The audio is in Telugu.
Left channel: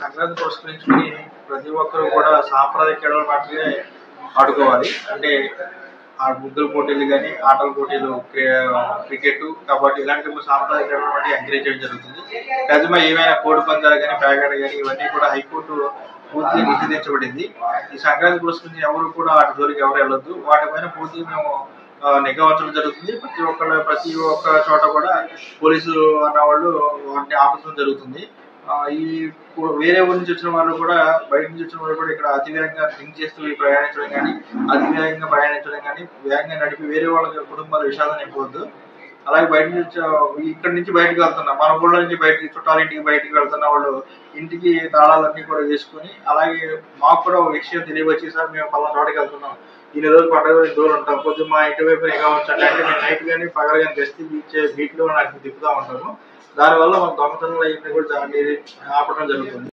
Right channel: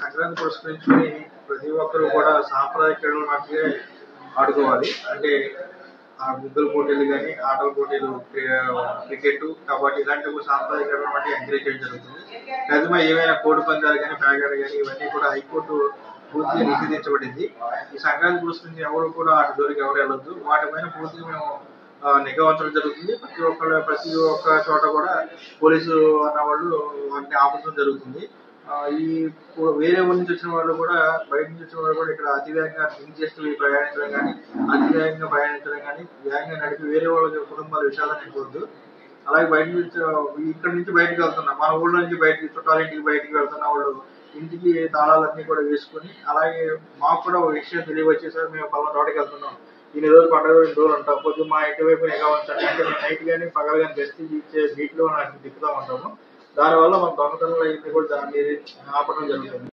సంక్రాంతి పురస్కరించుకొని ప్రతి ఒక్కరు కూడా సాంప్రదాయ క్రీడలు మట్టుకే ఆడుకోవాలి. అంటే ఆ ముగ్గుల పోటీలు గానీ, ఆటల పోటీలు, క్రికెట్, కబడ్డీ ఇలాంటి సాంప్రదాయ క్రీడలు మట్టుకు ఎంకరేజ్ చేయడం జరుగుతుంది. నిజమే ఏవైనా కోడి పందాలు గానీ, ప్యాకెట్ గానీ ఇవన్నీ కూడా హైకోర్టు పూర్తిగా నిషేధించబడింది. ఈ సంక్రాంతి పురస్కరించి ఎవరు కూడా వాటి జోలికి ఎవరు వెళ్ళొద్దు. వాటిపైన పూర్తిగా మేము నిఘా ఉంచడం జరుగుతుంది. ప్రతి ఒక్క చోట కూడా పోలీసు అన్నవాళ్ళు వాటిని ఆపడం జరుగుతుంది. ఈ వేరే ఊరి నుంచి వచ్చిన వాళ్ళు కూడా బయట నుంచి వచ్చిన వాళ్ళు కూడా ఇక్కడ అతివేగంగా డ్రింక్ చేస్తూ ప్రయాణించడం కానీ, అతివేగంగా ప్రయాణించడం కానీ, వేగంగా నడిపి వేరే వాళ్ళ కుటుంబాల విషాదాన్ని నింపవద్దు. అలాగే బయట నుంచి ఇక్కడ నుంచి బయటకు వెళ్తున్నా మన ఊళ్ళో నుంచి బయటికి చుట్టాలింటికి బయటికి వెళ్తున్న వాళ్ళు ఇంటికి తాళాలన్నీ కూడా వేసుకొని, అలాగే మాకు కూడా ఒక విషయం తెలియవచ్చి సార్ మేము పలానా చోటకి వెళ్తున్నాం, ఇన్ని రోజులు పండుగ ఇన్ని రోజులు ఉంటాం, కొద్దిగా మా ఇంటి వైపు నిఘా ఉంచండి అంటే మేము నైట్ కానీ పగలు కానీ గస్తీ ఇచ్చే బీట్లో నాకు తిప్పుతూ ఉంటాము. దానివల్ల మన దొంగతనంలో అయింది కూడా ఆపడం జరుగుతుంది.